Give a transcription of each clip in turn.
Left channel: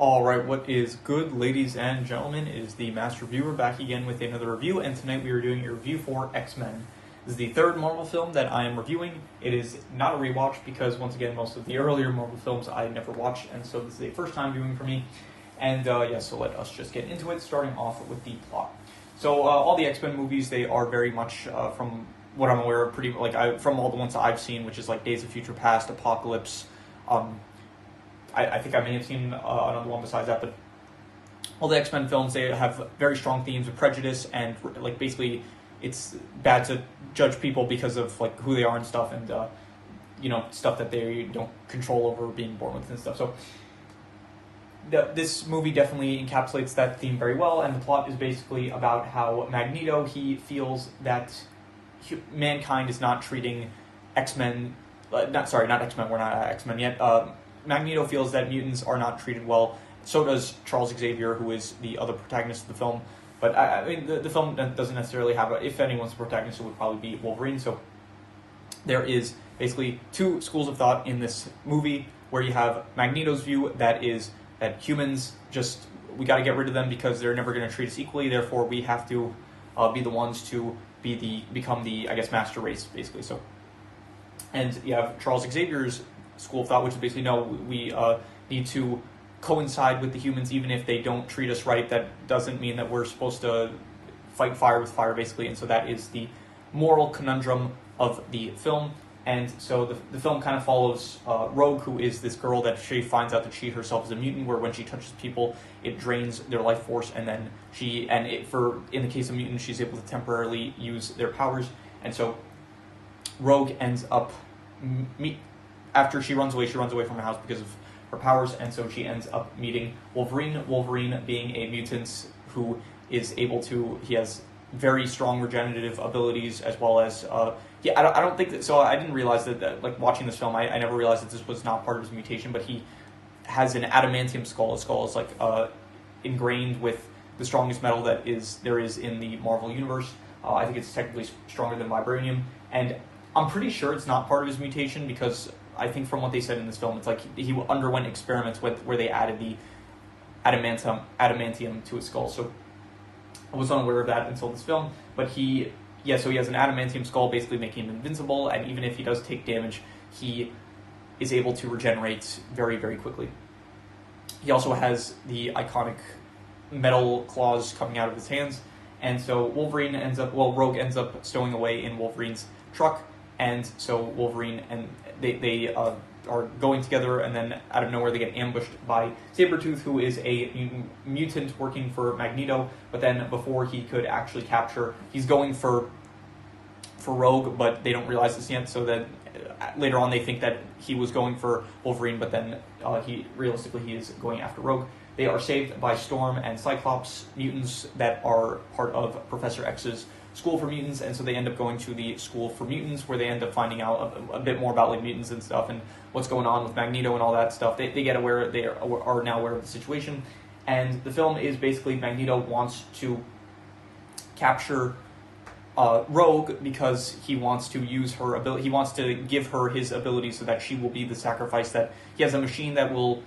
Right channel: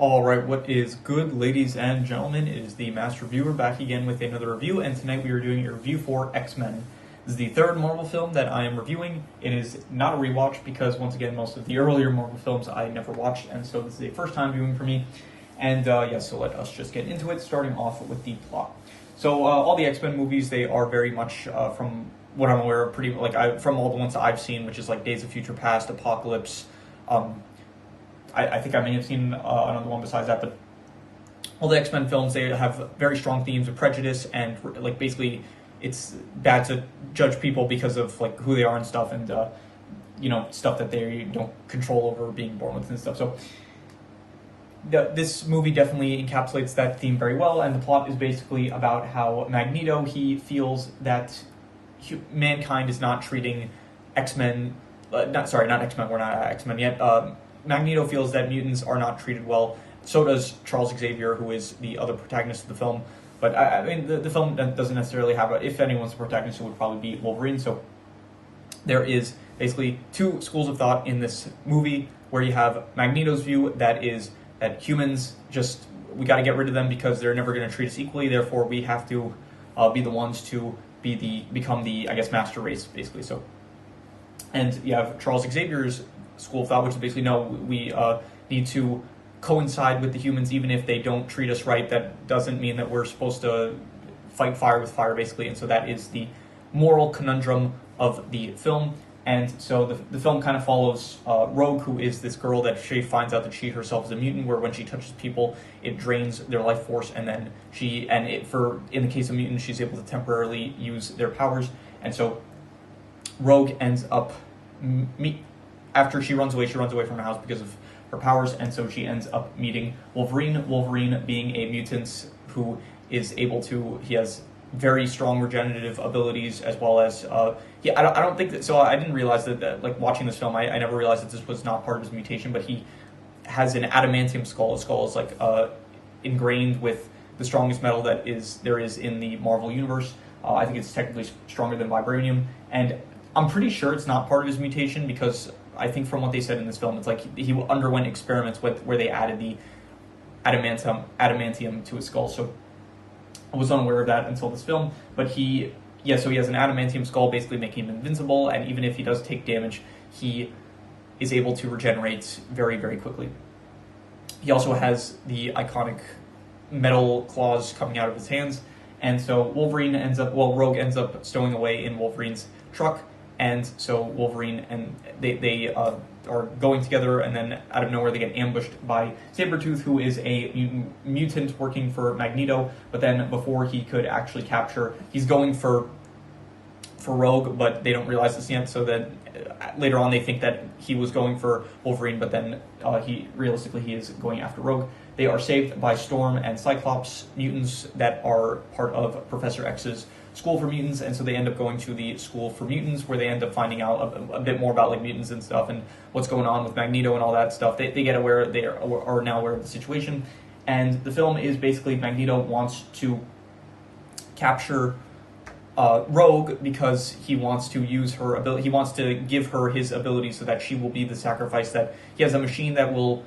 All right, what is good, ladies and gentlemen? It is the Master Reviewer back again with another review, and tonight we are doing a review for X-Men. This is the third Marvel film that I am reviewing. It is not a rewatch because, once again, most of the earlier Marvel films I never watched, and so this is a first-time viewing for me. And so let us just get into it, starting off with the plot. So all the X-Men movies, they are very much, from what I'm aware of, from all the ones that I've seen, which is like Days of Future Past, Apocalypse. I think I may have seen another one besides that, but all the X-Men films, they have very strong themes of prejudice and like basically it's bad to judge people because of like who they are and stuff, and stuff that they don't control over being born with and stuff. So this movie definitely encapsulates that theme very well, and the plot is basically about how Magneto, he feels that mankind is not treating X-Men, not X-Men, we're not X-Men yet. Magneto feels that mutants are not treated well. So does Charles Xavier, who is the other protagonist of the film. But I mean, the film doesn't necessarily have if anyone's the protagonist, it would probably be Wolverine. So there is basically two schools of thought in this movie, where you have Magneto's view that is that humans we got to get rid of them because they're never going to treat us equally. Therefore, we have to be the ones to become the master race, basically. So, and you have Charles Xavier's school of thought, which is basically, no, we need to coincide with the humans even if they don't treat us right. That doesn't mean that we're supposed to fight fire with fire, basically. And so that is the moral conundrum of the film. And so the film kind of follows Rogue, who is this girl that she finds out that she herself is a mutant, where when she touches people, it drains their life force, and then in the case of mutants, she's able to temporarily use their powers. And so Rogue ends up after she runs away from her house because of her powers, and so she ends up meeting Wolverine. Wolverine being a mutant who is he has very strong regenerative abilities, as well as, I don't think that, so I didn't realize that like watching this film, I never realized that this was not part of his mutation, but he has an adamantium skull. His skull is like ingrained with the strongest metal there is in the Marvel universe. I think it's technically stronger than vibranium, and I'm pretty sure it's not part of his mutation, because I think from what they said in this film, it's like he underwent experiments where they added the adamantium to his skull. So I was unaware of that until this film. But so he has an adamantium skull, basically making him invincible, and even if he does take damage, he is able to regenerate very, very quickly. He also has the iconic metal claws coming out of his hands, and so Rogue ends up stowing away in Wolverine's truck. And so Wolverine and they are going together, and then out of nowhere they get ambushed by Sabretooth, who is a mutant working for Magneto. But then before he could actually he's going for Rogue, but they don't realize this yet. So that later on they think that he was going for Wolverine, but then he is going after Rogue. They are saved by Storm and Cyclops, mutants that are part of Professor X's School for Mutants, and so they end up going to the School for Mutants, where they end up finding out a bit more about like mutants and stuff, and what's going on with Magneto and all that stuff. They get aware, they are now aware of the situation, and the film is basically Magneto wants to capture Rogue because he wants to use her ability. He wants to give her his ability so that she will be the sacrifice. That he has a machine that will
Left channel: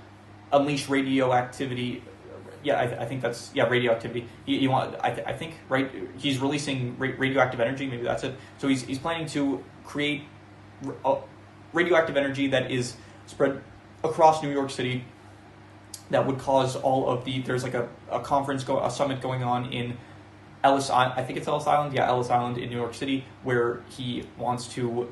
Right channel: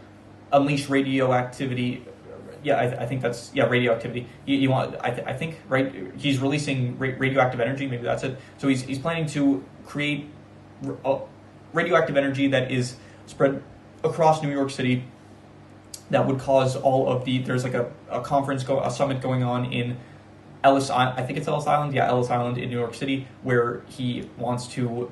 unleash radioactivity. I think that's radioactivity. I think he's releasing radioactive energy. Maybe that's it. So he's planning to create radioactive energy that is spread across New York City. That would cause all of there's like a summit going on in Ellis Island. I think it's Ellis Island. Yeah, Ellis Island in New York City, where he wants to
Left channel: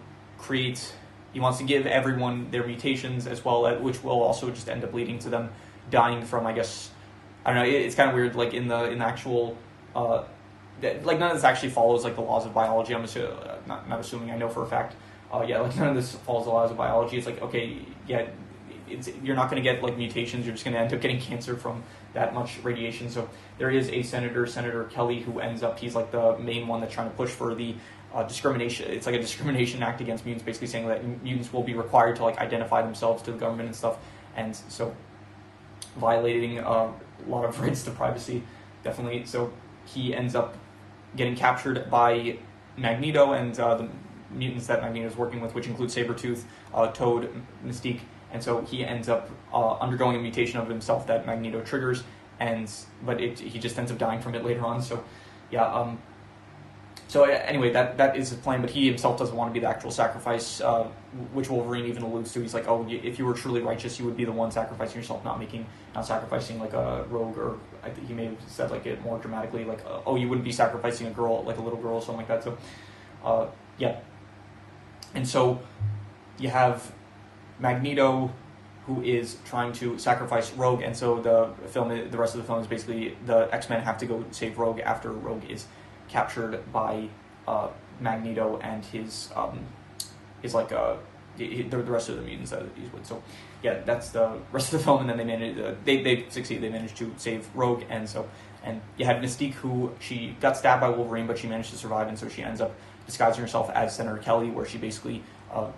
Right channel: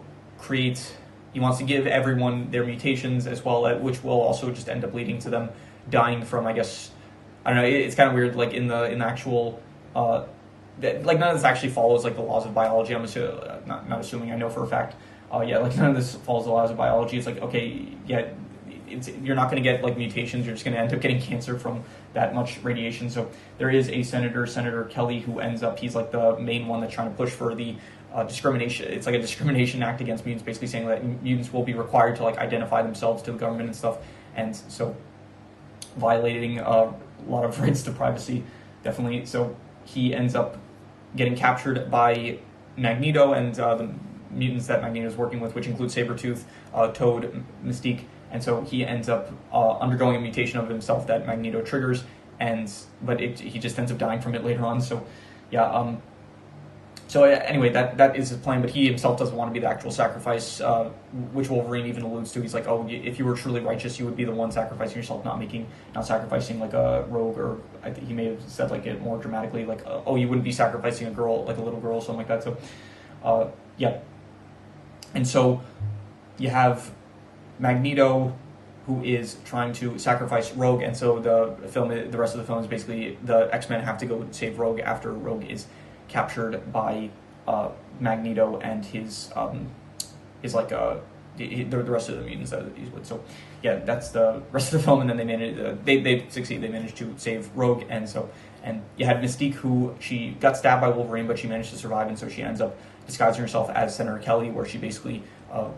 give everyone their mutations as well, which will also just end up leading to them dying from, I don't know, it's kind of weird, like in the actual, like none of this actually follows like the laws of biology. I'm not assuming, I know for a fact, like none of this follows the laws of biology. It's like, okay, you're not going to get like mutations, you're just going to end up getting cancer from that much radiation. So there is a Senator Kelly, who he's like the main one that's trying to push for the discrimination. It's like a discrimination act against mutants, basically saying that mutants will be required to like identify themselves to the government and stuff, and so violating a lot of rights to privacy, definitely. So he ends up getting captured by Magneto and the mutants that Magneto is working with, which include Sabretooth, Toad, Mystique, and so he ends up undergoing a mutation of himself that Magneto triggers, but he just ends up dying from it later on. So yeah. So anyway, that is his plan, but he himself doesn't want to be the actual sacrifice, which Wolverine even alludes to. He's like, oh, if you were truly righteous, you would be the one sacrificing yourself, not sacrificing like a rogue, or I think he may have said like it more dramatically, like, oh, you wouldn't be sacrificing a girl, like a little girl, or something like that. So, yeah. And so you have Magneto, who is trying to sacrifice Rogue, and so the rest of the film is basically the X-Men have to go save Rogue after Rogue is captured by Magneto and his like the rest of the mutants that he's with. So yeah, that's the rest of the film, and then they succeed. They managed to save Rogue, and you had Mystique, who she got stabbed by Wolverine, but she managed to survive, and so she ends up disguising herself as Senator Kelly, where she basically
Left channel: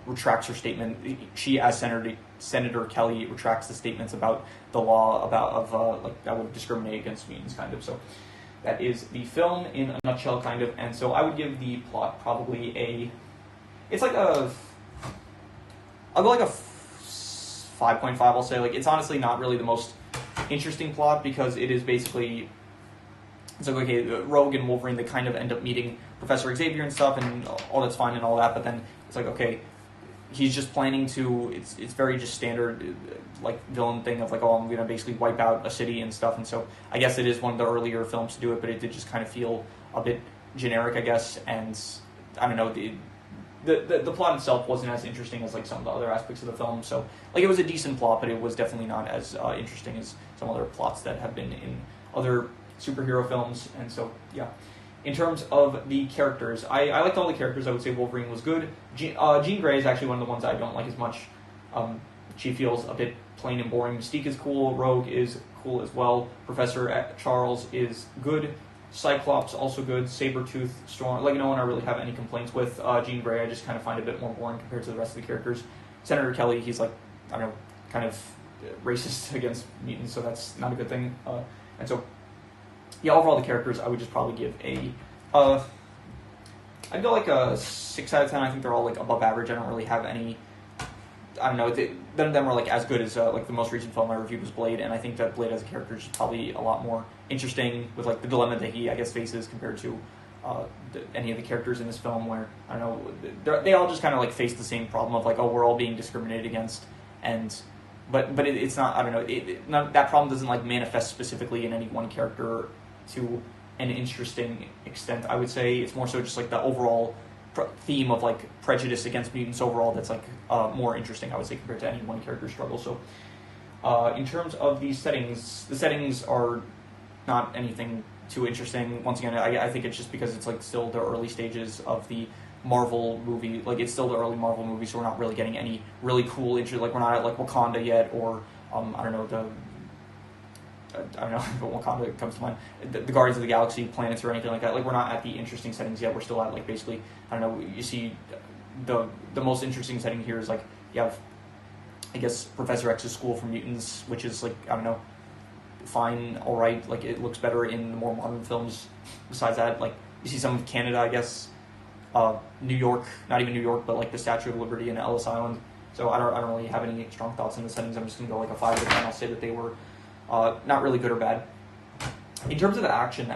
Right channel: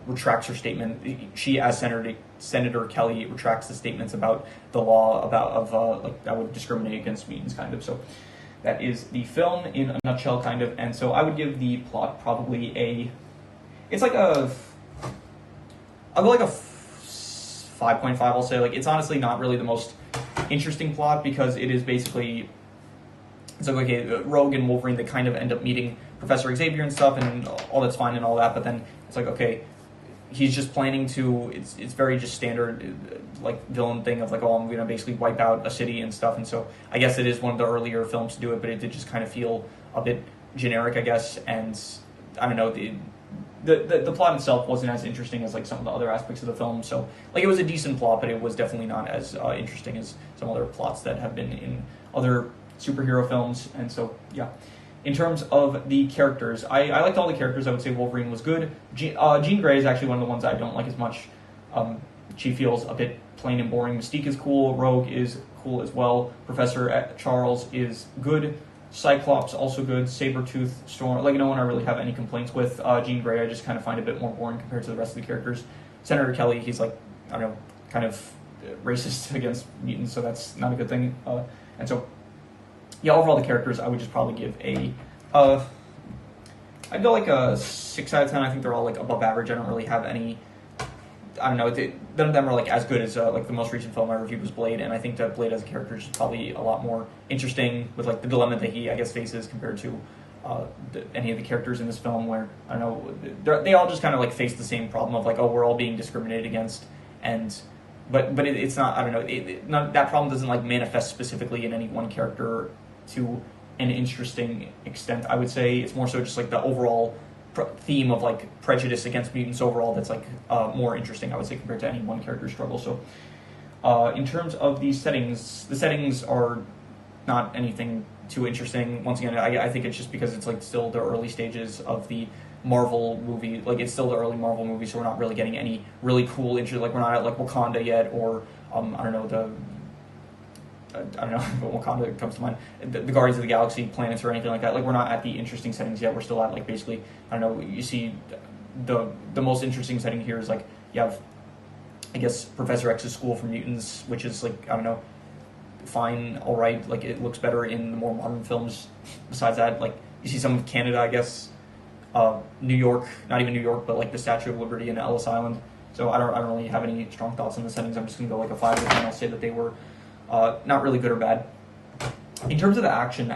retracts her statement. She, as Senator Kelly, retracts the statements about the law like that would discriminate against mutants, kind of. So that is the film in a nutshell, kind of. And so I would give the plot probably I'll go like a 5.5, I'll say. Like, it's honestly not really the most interesting plot, because it is basically, it's like, okay, Rogue and Wolverine, they kind of end up meeting Professor Xavier and stuff, and all that's fine and all that, but then it's like, okay, he's just planning to, it's very just standard, like, villain thing of like, oh, I'm gonna basically wipe out a city and stuff, and so I guess it is one of the earlier films to do it, but it did just kind of feel a bit generic, I guess, and I don't know, the plot itself wasn't as interesting as like some of the other aspects of the film. So like, it was a decent plot, but it was definitely not as interesting as some other plots that have been in other superhero films. And so yeah, in terms of the characters, I liked all the characters. I would say Wolverine was good. Jean Grey is actually one of the ones I don't like as much. She feels a bit plain and boring. Mystique is cool. Rogue is cool as well. Professor Charles is good. Cyclops also good. Sabretooth, Storm, like, no one I really have any complaints with. Jean Grey I just kind of find a bit more boring compared to the rest of the characters. Senator Kelly, he's like, I don't know, kind of racist against mutants, so that's not a good thing. And so yeah, overall the characters I would just probably give I'd go like a 6 out of 10. I think they're all like above average. I don't really have any, I don't know, none of them are like as good as like the most recent film I reviewed was Blade, and I think that Blade as a character is probably a lot more interesting with like the dilemma that he, I guess, faces compared to any of the characters in this film, where, I don't know, they all just kind of like face the same problem of like, oh, we're all being discriminated against, and but it's not, I don't know, that problem doesn't like manifest specifically in any one character to an interesting extent. I would say it's more so just like the overall theme of like prejudice against mutants overall that's like more interesting, I would say, compared to any one character struggle. So in terms of the settings are not anything too interesting. Once again, I think it's just because it's like still the early stages of the Marvel movie. Like, it's still the early Marvel movie, so we're not really getting any really cool intro. Like, we're not at like Wakanda yet, or I don't know, but Wakanda comes to mind, the Guardians of the Galaxy planets or anything like that. Like, we're not at the interesting settings yet. We're still at like basically, I don't know, you see the most interesting setting here is like, you have, I guess, Professor X's School for Mutants, which is like, I don't know, fine, all right. Like, it looks better in the more modern films. Besides that, like, you see some of Canada, I guess, New York, not even New York, but like the Statue of Liberty and Ellis Island. So I don't really have any strong thoughts on the settings. I'm just gonna go like a 5 to 10. I'll say that they were not really good or bad. In terms of the action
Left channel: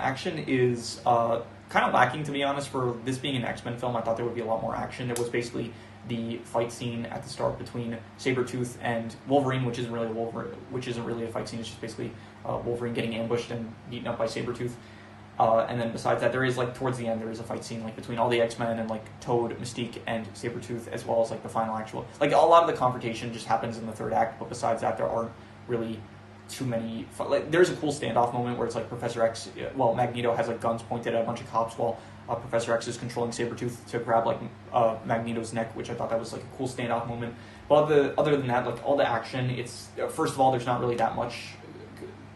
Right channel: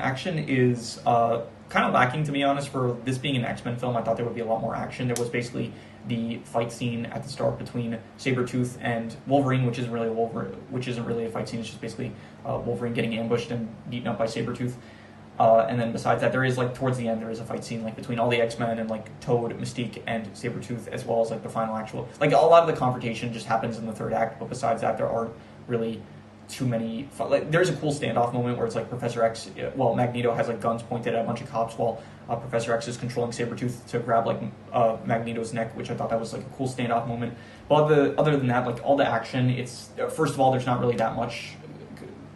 is kind of lacking, to be honest. For this being an X-Men film, I thought there would be a lot more action. There was basically the fight scene at the start between Sabretooth and Wolverine, which isn't really a fight scene. It's just basically Wolverine getting ambushed and beaten up by Sabretooth. And then besides that, there is like towards the end, there is a fight scene like between all the X-Men and like Toad, Mystique, and Sabretooth, as well as like the final actual, like, a lot of the confrontation just happens in the third act. But besides that, there aren't really too many, like, there's a cool standoff moment where it's like Professor X, well, Magneto has like guns pointed at a bunch of cops while Professor X is controlling Sabretooth to grab like Magneto's neck, which I thought that was like a cool standoff moment. But other than that, like, all the action, it's, first of all, there's not really that much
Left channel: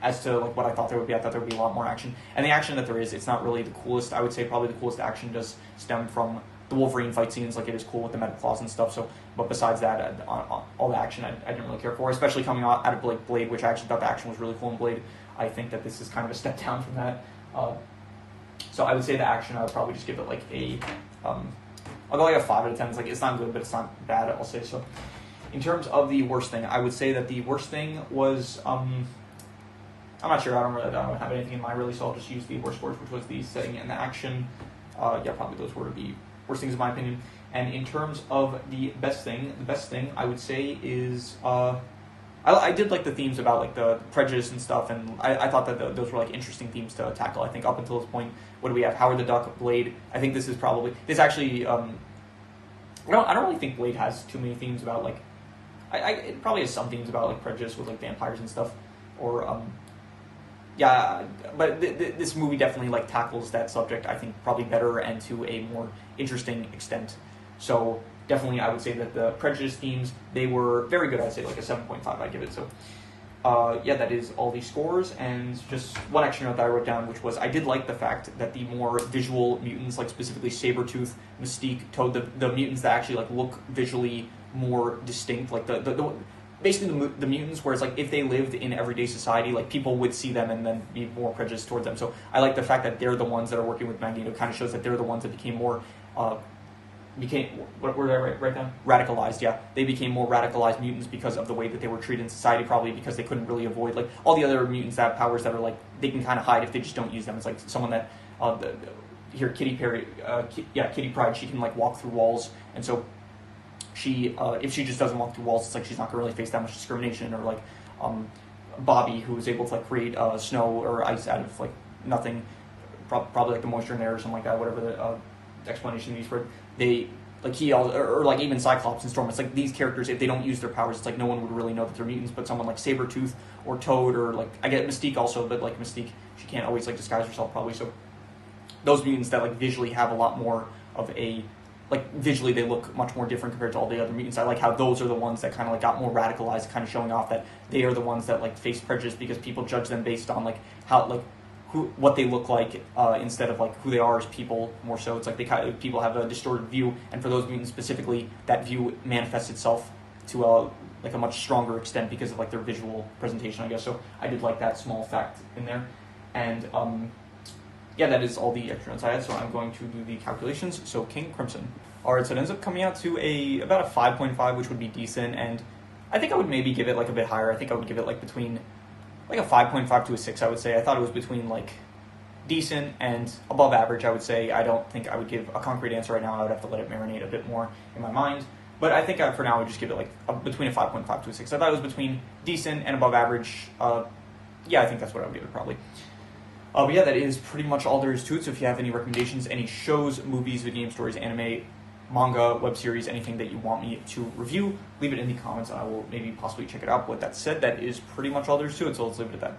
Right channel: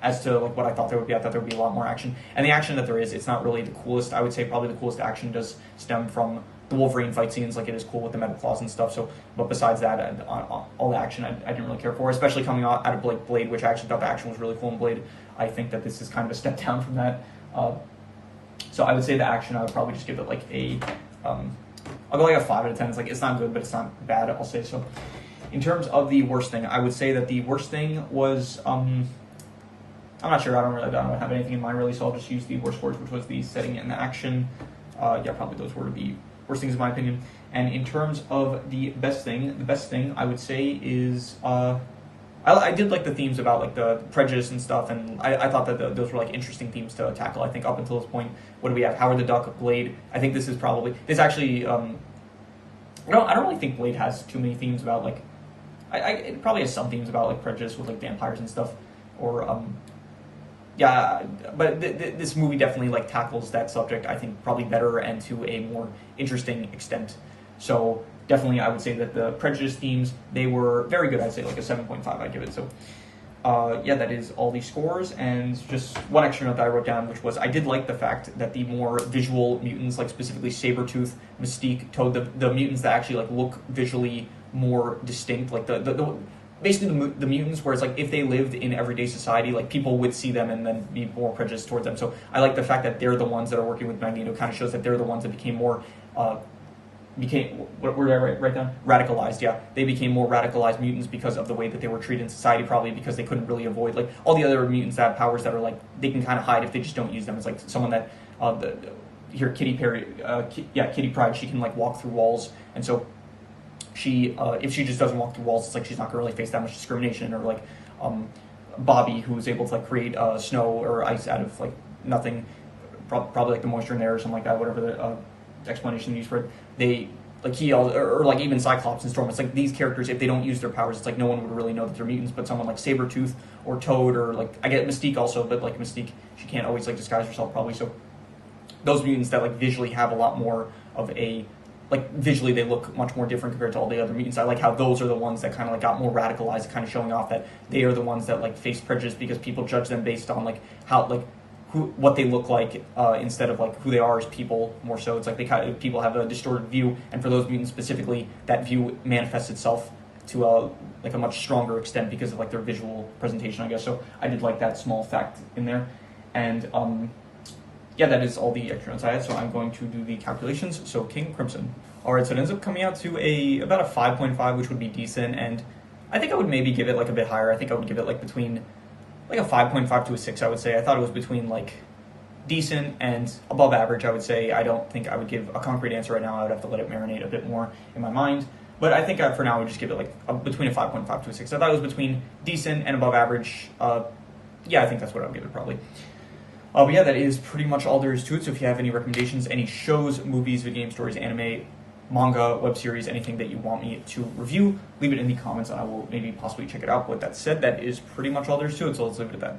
as to like what I thought there would be. I thought there would be a lot more action, and the action that there is, it's not really the coolest. I would say probably the coolest action does stem from the Wolverine fight scenes. Like, it is cool with the metal claws and stuff. So, but besides that, all the action I didn't really care for, especially coming out of Blade, which I actually thought the action was really cool in Blade. I think that this is kind of a step down from that. So I would say the action, I would probably just give it like a, I'll go like a 5 out of 10. It's like, it's not good, but it's not bad, I'll say. So In terms of the worst thing, I would say that the worst thing was, I'm not sure, I don't have anything in mind really, so I'll just use the worst words, which was the setting and the action. Yeah, probably those were the worst things in my opinion. And in terms of the best thing I would say is, I did like the themes about like the prejudice and stuff, and I thought that those were like interesting themes to tackle. I think up until this point, what do we have? Howard the Duck, Blade. I think this actually, I don't really think Blade has too many themes about like, it probably has some themes about like prejudice with like vampires and stuff, or yeah, but this movie definitely like tackles that subject, I think, probably better and to a more interesting extent. So definitely, I would say that the prejudice themes, they were very good. I'd say like a 7.5 I'd give it. So yeah, that is all the scores. And just one extra note that I wrote down, which was I did like the fact that the more visual mutants, like specifically Sabretooth, Mystique, Toad, the mutants that actually like look visually more distinct, like basically the mutants where it's like if they lived in everyday society, like people would see them and then be more prejudiced towards them. So I like the fact that they're the ones that are working with Magneto. Kind of shows that they're the ones that became more what did I write down? Radicalized, yeah. They became more radicalized mutants because of the way that they were treated in society, probably because they couldn't really avoid, like, all the other mutants that have powers that are, like, they can kind of hide if they just don't use them. It's like someone that, here, Kitty Pryde, she can, like, walk through walls, and so she, if she just doesn't walk through walls, it's like she's not gonna really face that much discrimination, or, like, Bobby, who was able to, like, create, snow or ice out of, like, nothing, probably, like, the moisture in there or something like that, whatever the, explanation used for it. They, like, he, or like even Cyclops and Storm, it's like these characters, if they don't use their powers, it's like no one would really know that they're mutants, but someone like Sabretooth or Toad, or like, I get Mystique also, but like Mystique, she can't always like disguise herself probably, so those mutants that like visually have a lot more of a, like visually they look much more different compared to all the other mutants. I like how those are the ones that kind of like got more radicalized, kind of showing off that they are the ones that like face prejudice because people judge them based on like how, like, what they look like instead of like who they are as people more so. It's like people have a distorted view, and for those mutants specifically, that view manifests itself to like a much stronger extent because of like their visual presentation, I guess. So I did like that small fact in there, and yeah, that is all the extra notes I had. So I'm going to do the calculations. So King Crimson. All right, so it ends up coming out to about a 5.5, which would be decent, and I think I would maybe give it like a bit higher. I think I would give it like between like a 5.5 to a 6, I would say. I thought it was between like decent and above average, I would say. I don't think I would give a concrete answer right now. I would have to let it marinate a bit more in my mind. But I think for now I would just give it like between a 5.5 to a 6. I thought it was between decent and above average. Yeah, I think that's what I would give it probably. But yeah, that is pretty much all there is to it. So if you have any recommendations, any shows, movies, video game stories, anime, manga, web series, anything that you want me to review, leave it in the comments and I will maybe possibly check it out. With that said, that is pretty much all there is to it, so let's leave it at that.